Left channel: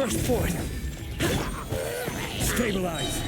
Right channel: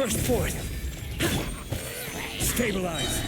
Burst forth! Stabilize!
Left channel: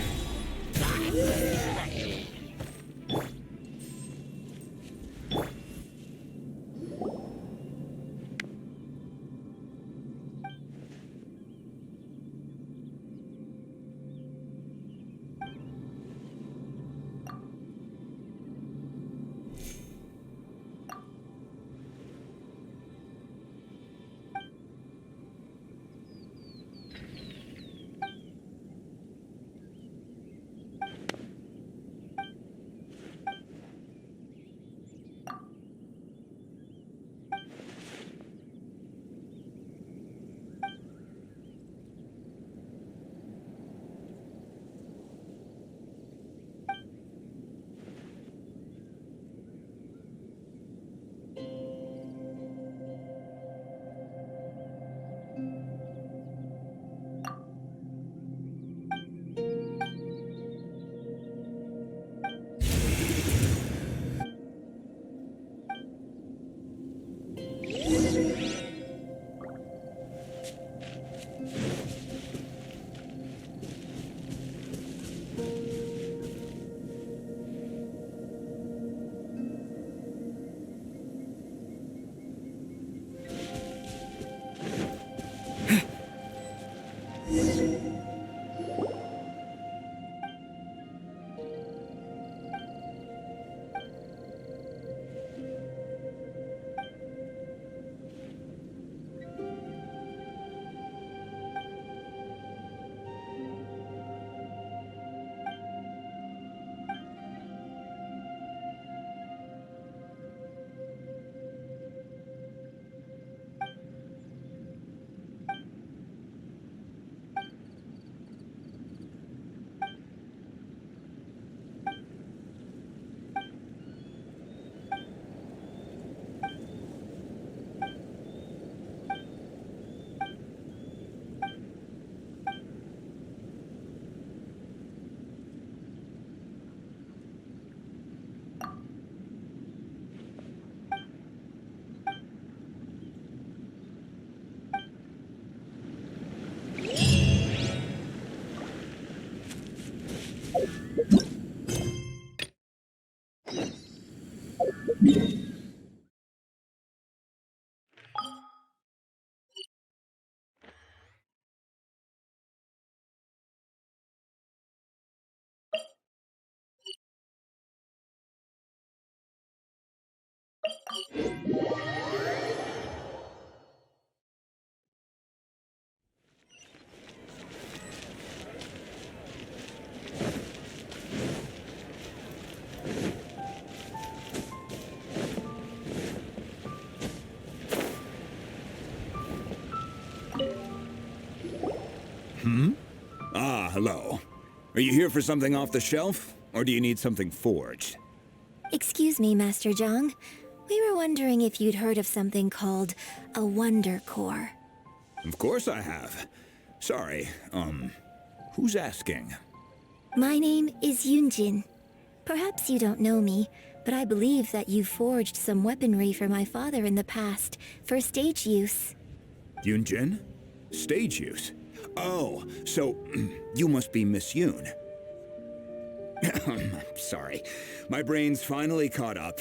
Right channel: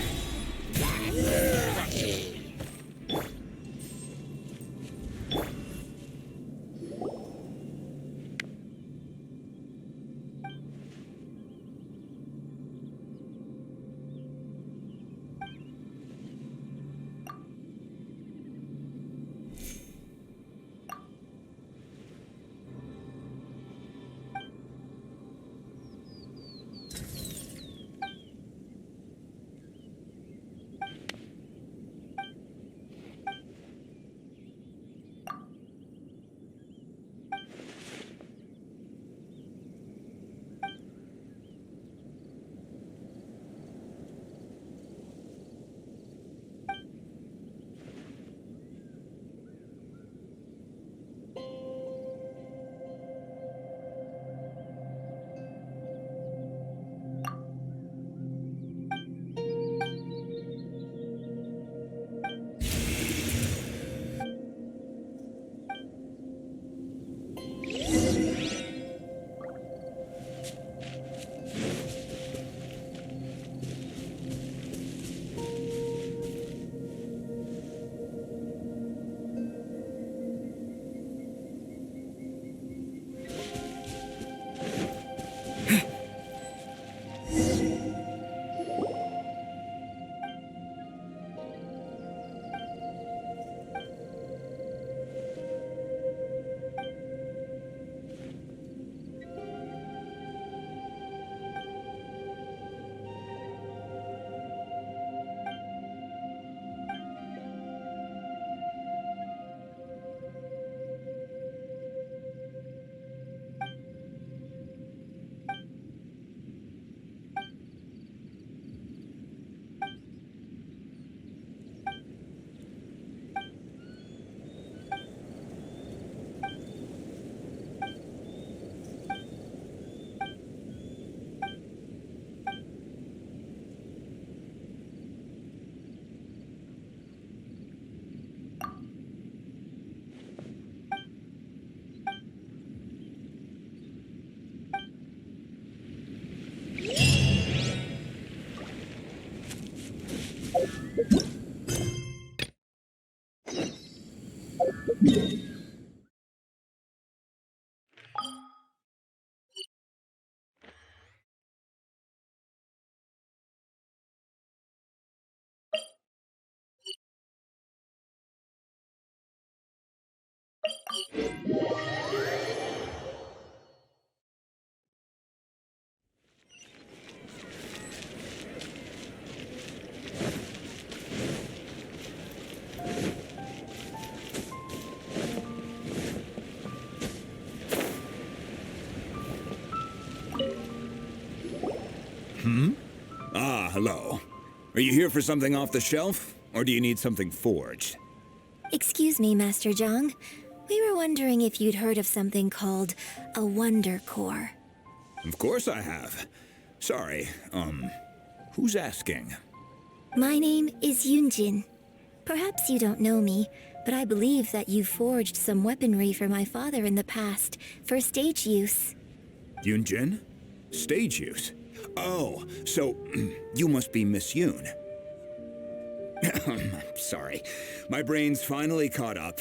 Ah, hello. Are you here for something off the shelf, or do you need something forged? Excuse me, Master Zhang. We were wondering if you'd heard of something called a Wonder Core. Of course I have. Sorry, who's asking? My name is Yunjin. Perhaps you don't know me, but I believe that you forged some weaponry for my father in the past, for stage use. Yunjin? Stage use? Oh, so you must be Miss Yoon. I'm sorry. My brain's finally caught up.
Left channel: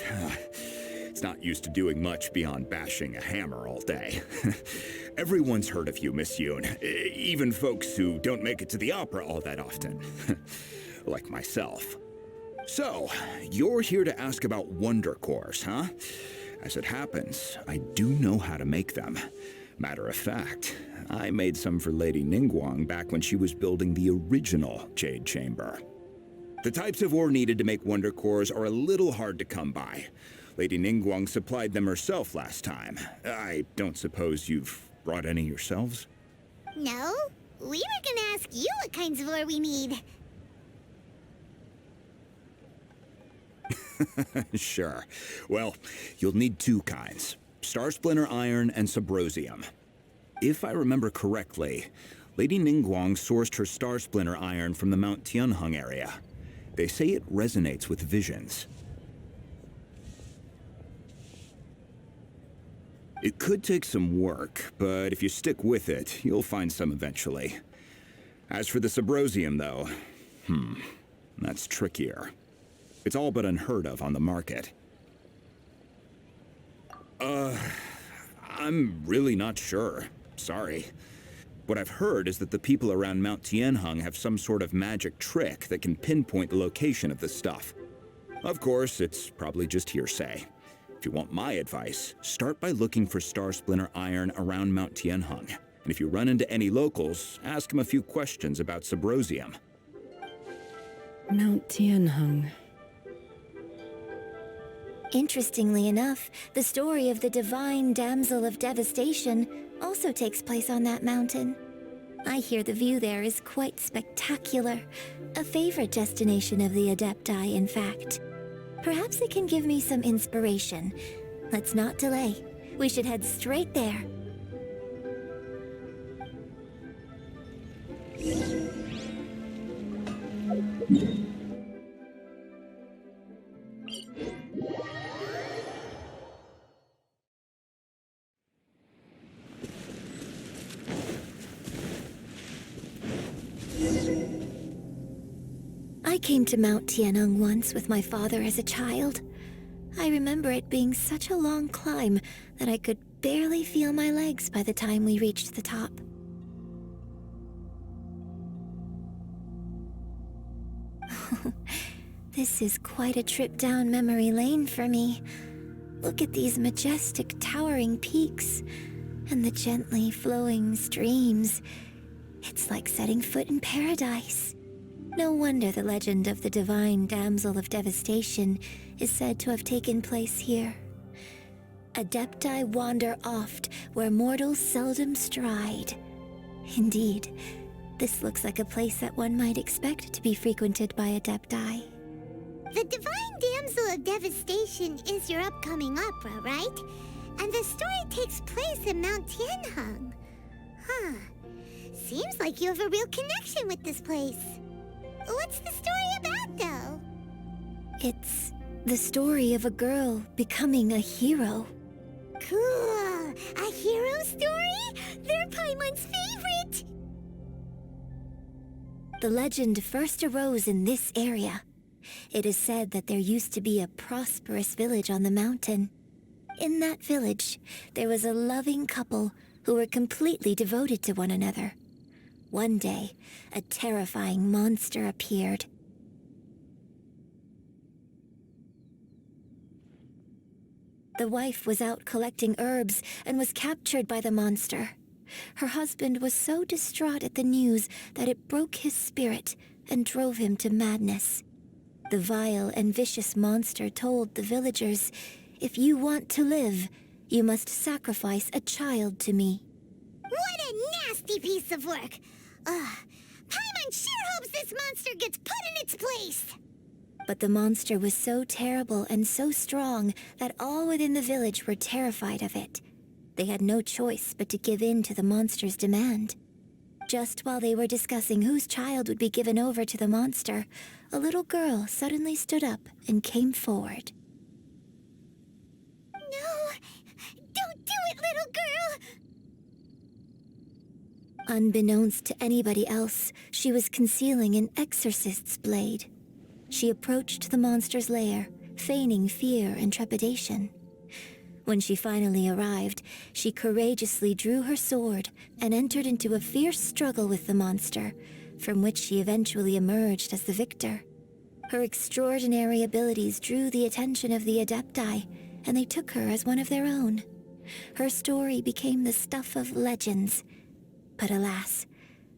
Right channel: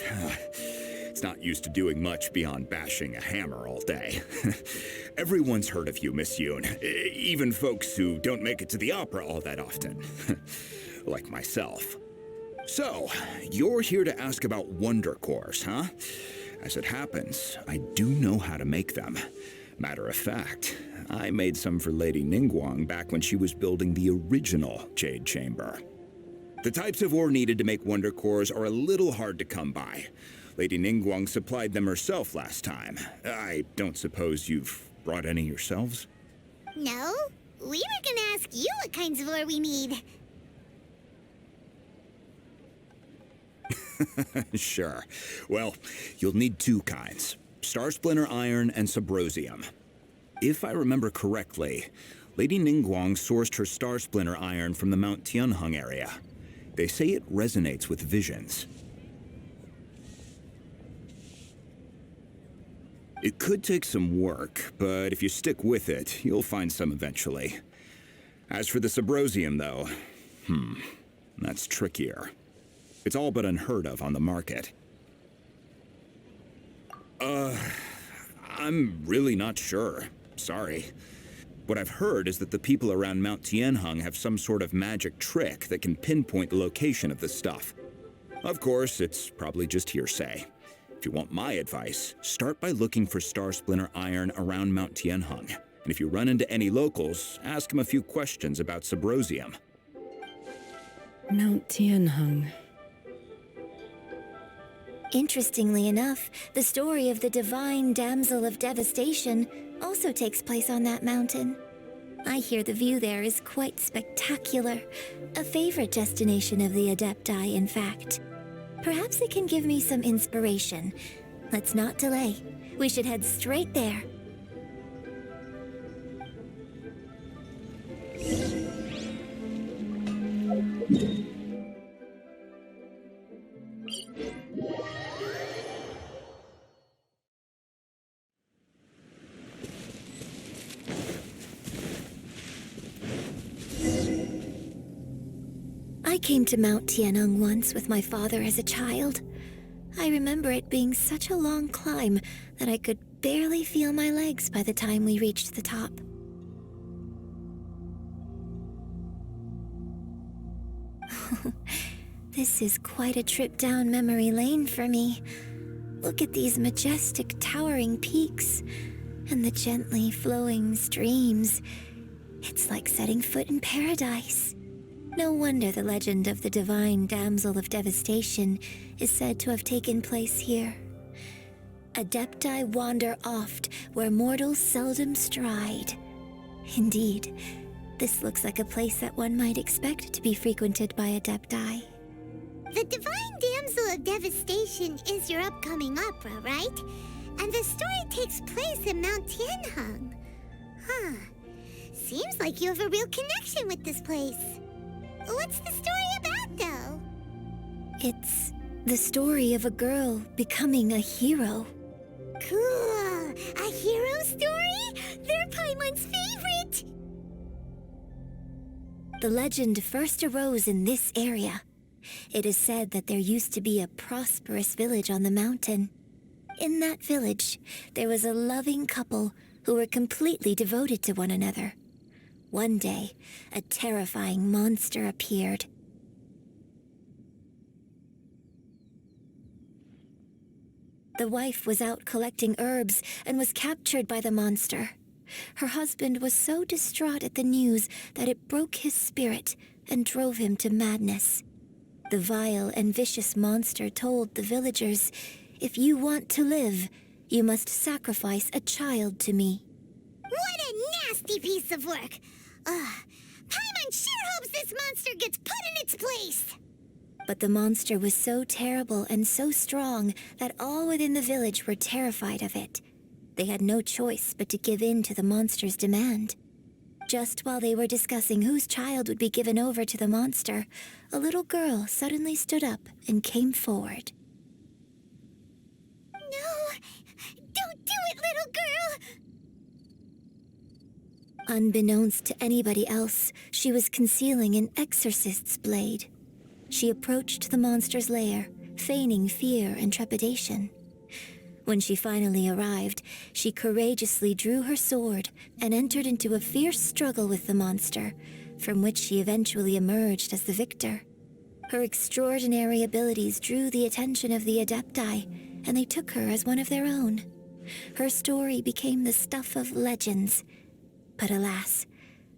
It's not used to doing much beyond bashing a hammer all day. Everyone's heard of you, Miss Yoon. Even folks who don't make it to the opera all that often. Like myself. So, you're here to ask about Wonder Cores, huh? As it happens, I do know how to make them. Matter of fact, I made some for Lady Ningguang back when she was building the original Jade Chamber. The types of ore needed to make Wonder Cores are a little hard to come by. Lady Ningguang supplied them herself last time. I don't suppose you've brought any yourselves? No, we were gonna ask you what kinds of ore we need. Sure. Well, you'll need two kinds. Star Splinter Iron and Subrosium. If I remember correctly, Lady Ningguang sourced her Star Splinter Iron from the Mount Tianheng area. They say it resonates with visions. It could take some work, but if you stick with it, you'll find some eventually. As for the Subrosium, though, that's trickier. It's all but unheard of on the market. I'm really not sure. Sorry. What I've heard is that the people around Mount Tianheng have some sort of magic trick that can pinpoint the location of the stuff. Of course, it's probably just hearsay. If you want my advice, start by looking for Star Splinter iron around Mount Tianheng. And if you run into any locals, ask them a few questions about Subrosium. Mount Tianheng. Interestingly enough, the story of the divine damsel of devastation also takes place on that mountain. I hear the view there is quite spectacular. A favorite destination of the Adepti, in fact. Perhaps it can give me some inspiration. Let's not delay. We should head straight there. I came to Mount Tianheng once with my father as a child. I remember it being such a long climb that I could barely feel my legs by the time we reached the top. This is quite a trip down memory lane for me. Look at these majestic towering peaks and the gently flowing streams. It's like setting foot in paradise. No wonder the legend of the divine damsel of devastation is said to have taken place here. Adepti wander oft where mortals seldom stride. Indeed, this looks like a place that one might expect to be frequented by Adepti. The Divine Damsel of Devastation is your upcoming opera, right? And the story takes place in Mount Tianheng. Huh. Seems like you have a real connection with this place. What's the story about, though? It's the story of a girl becoming a hero. Cool! A hero story? They're Paimon's favorite! The legend first arose in this area. It is said that there used to be a prosperous village on the mountain. In that village, there was a loving couple who were completely devoted to one another. One day, a terrifying monster appeared. The wife was out collecting herbs and was captured by the monster. Her husband was so distraught at the news that it broke his spirit and drove him to madness. The vile and vicious monster told the villagers, "If you want to live, you must sacrifice a child to me." What a nasty piece of work! Paimon sure hopes this monster gets put in its place! But the monster was so terrible and so strong that all within the village were terrified of it. They had no choice but to give in to the monster's demand. Just while they were discussing whose child would be given over to the monster, a little girl suddenly stood up and came forward. No! Don't do it, little girl! Unbeknownst to anybody else, she was concealing an exorcist's blade. She approached the monster's lair, feigning fear and trepidation. When she finally arrived, she courageously drew her sword and entered into a fierce struggle with the monster, from which she eventually emerged as the victor. Her extraordinary abilities drew the attention of the Adepti, and they took her as one of their own. Her story became the stuff of legends. But alas,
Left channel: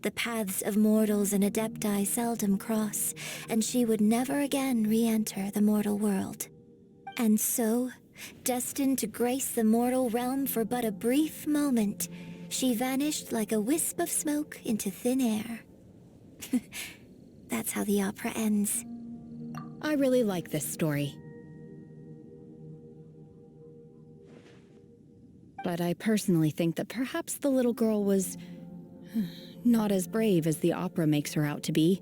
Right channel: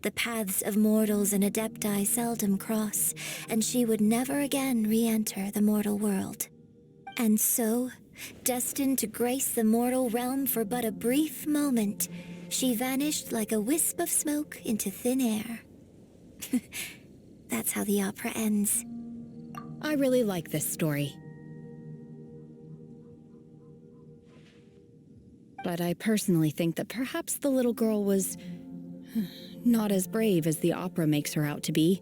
the paths of mortals and Adepti seldom cross, and she would never again re-enter the mortal world. And so, destined to grace the mortal realm for but a brief moment, she vanished like a wisp of smoke into thin air. That's how the opera ends. I really like this story. But I personally think that perhaps the little girl was not as brave as the opera makes her out to be.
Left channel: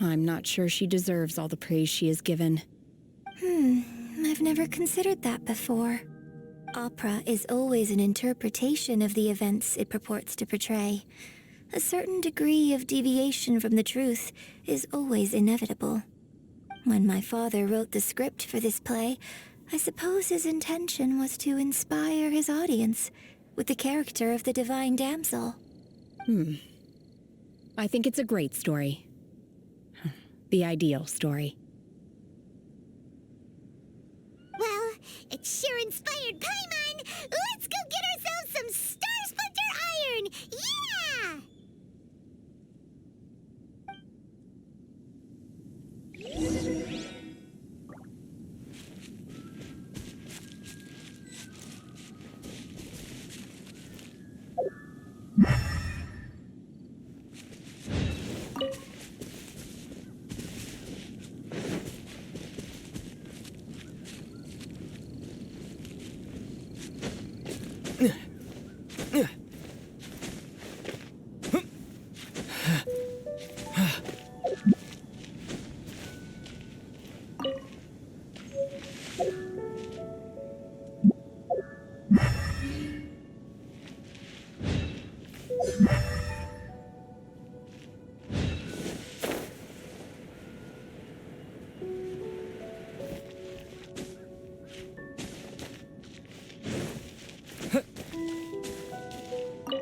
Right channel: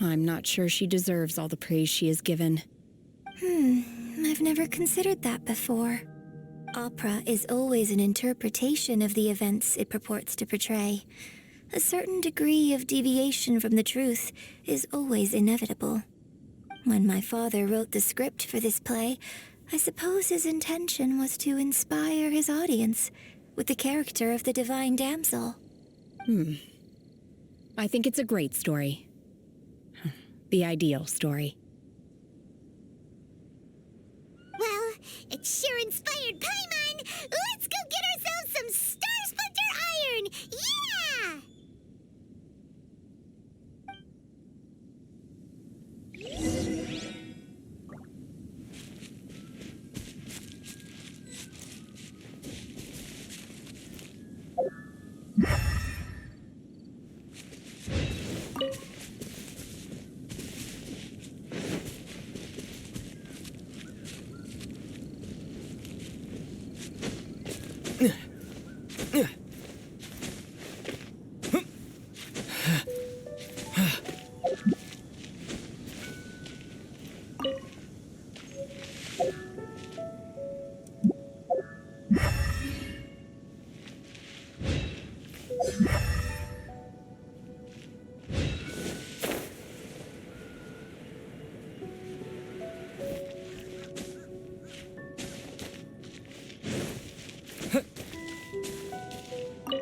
I'm not sure she deserves all the praise she is given. I've never considered that before. Opera is always an interpretation of the events it purports to portray. A certain degree of deviation from the truth is always inevitable. When my father wrote the script for this play, I suppose his intention was to inspire his audience with the character of the divine damsel. I think it's a great story. The ideal story. Well, it sure inspired Paimon! Let's go get ourselves some Star Splinter Iron! Yeah!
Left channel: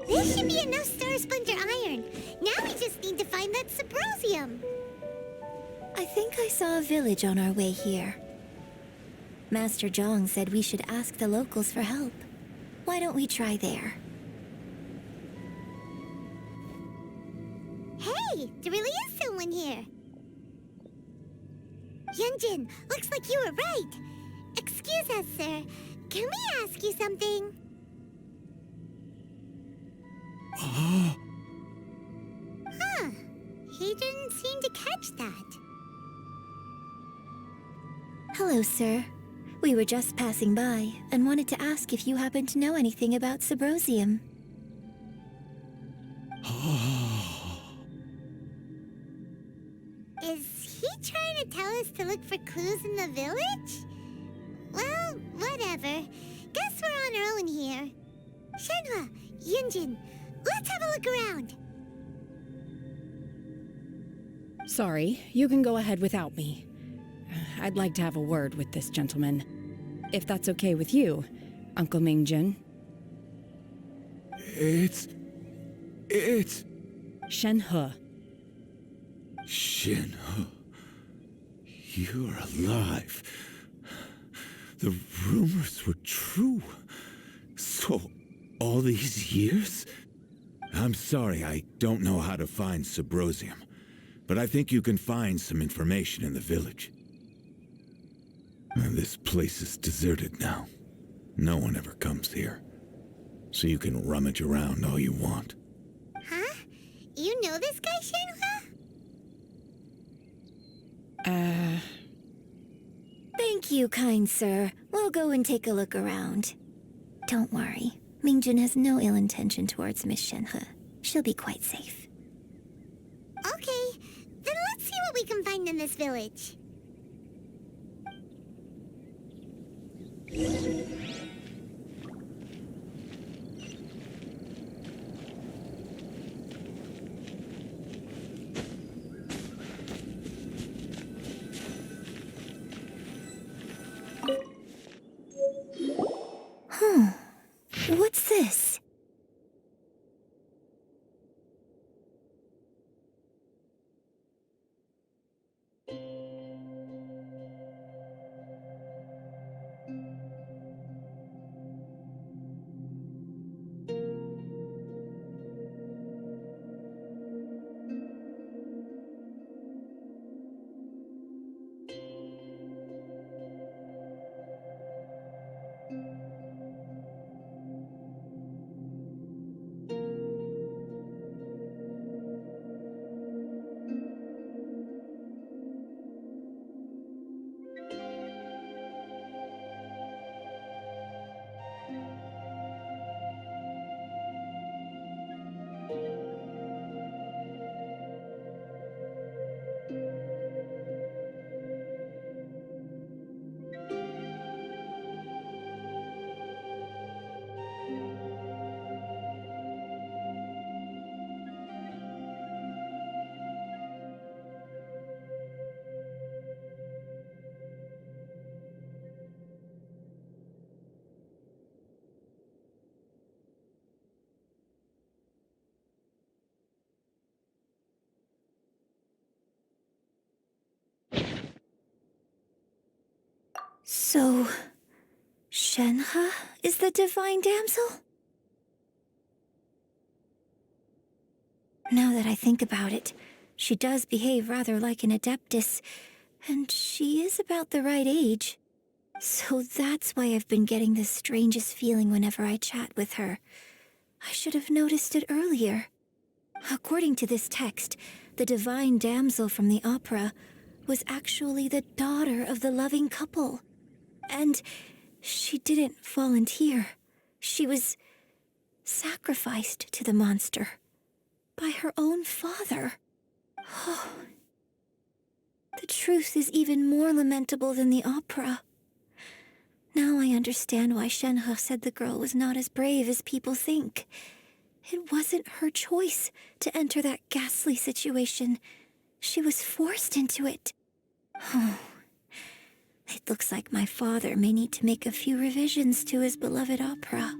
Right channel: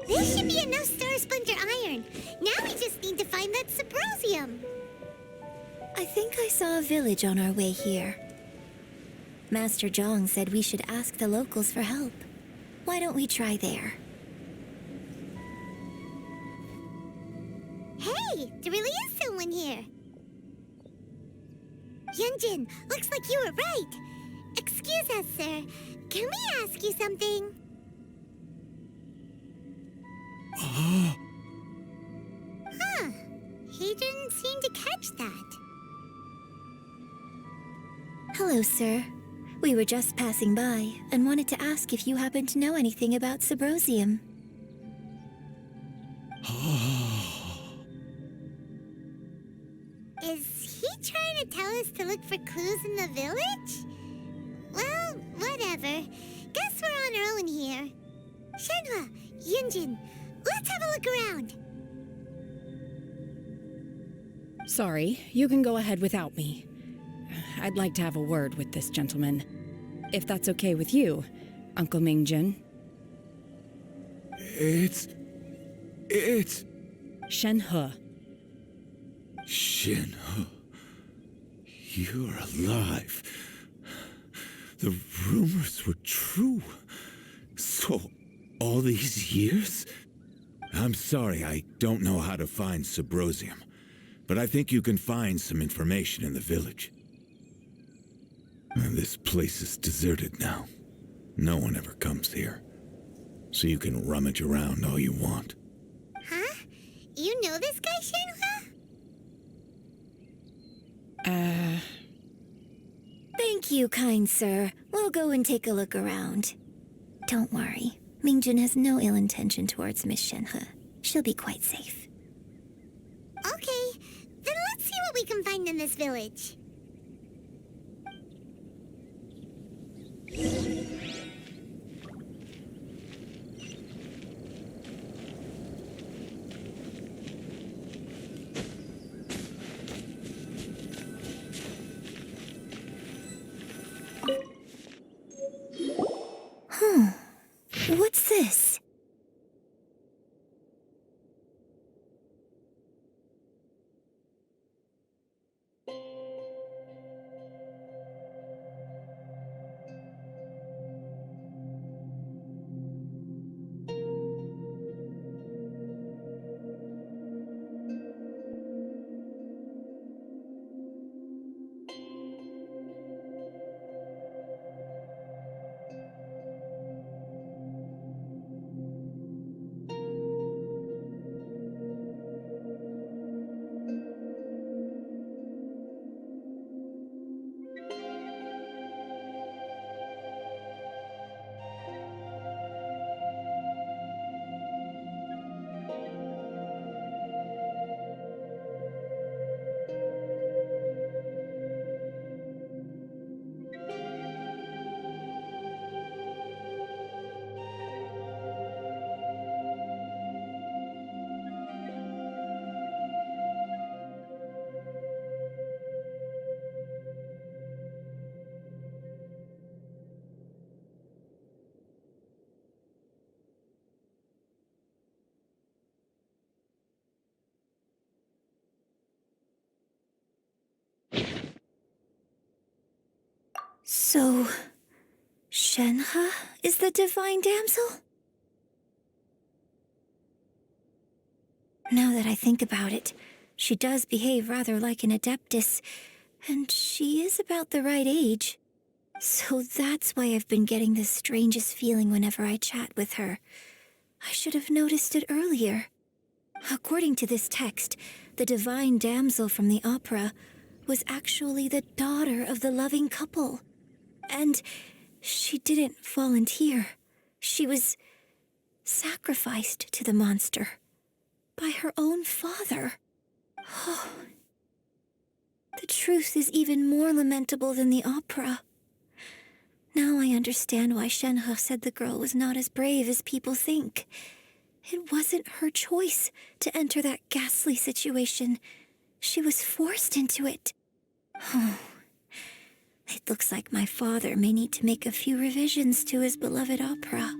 This should be enough Star Splinter Iron. Now we just need to find that Subrosium. I think I saw a village on our way here. Master Zhang said we should ask the locals for help. Why don't we try there? Hey, there really is someone here. Yunjin, looks like you were right. Excuse us, sir. Can we ask you something? Huh. He didn't seem to catch that. Hello, sir. We were just passing by and wanted to ask if you happen to know anything about Subrosium. Is he trying to tell us to look for clues in the village? Well, whatever. Guess we're on our own here. Shenhua, Yunjin, let's have a look around. Sorry, you can go ahead without me. I'd like to have a word with this gentleman. If that's okay with you, Uncle Mingjin. It's... Shenhe. Shinho. You're alive. The rumors were true. So, all these years? I'm sorry, I don't know how to find Subrosium, but I think you can find some information in the village. This place is deserted now. No one ever comes here. So you can rummage around all you want. Huh? You know this guy, Shenhua? Thank you, kind sir. We'll go and take a look around. Don't worry. Mingjin has no ill intention towards Miss Shenhe. She'll be quite safe. Okay, then let's see what we can find in this village. What's this? So, Shenhe is the divine damsel? Now that I think about it, she does behave rather like an adeptus, and she is about the right age. So that's why I've been getting the strangest feeling whenever I chat with her. I should have noticed it earlier. According to this text, the divine damsel from the opera was actually the daughter of the loving couple. And she didn't volunteer. She was sacrificed to the monster by her own father. Oh, the truth is even more lamentable than the opera. Now I understand why Shenhe said the girl was not as brave as people think. It wasn't her choice to enter that ghastly situation. She was forced into it. Oh, it looks like my father may need to make a few revisions to his beloved opera.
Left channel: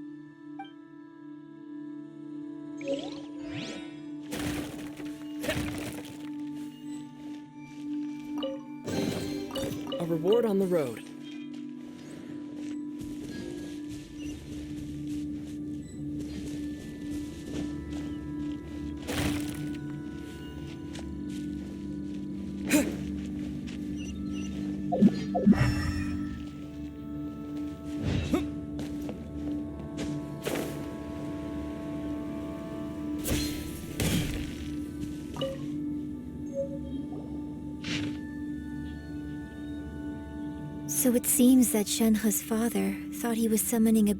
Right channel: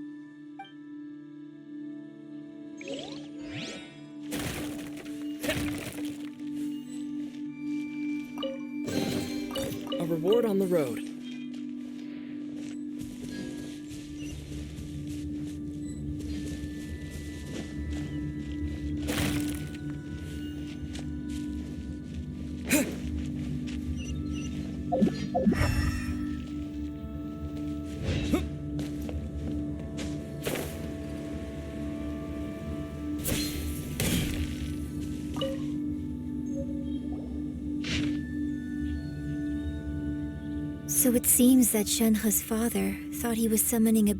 A reward on the road. So it seems that Shenhe's father thought he was summoning a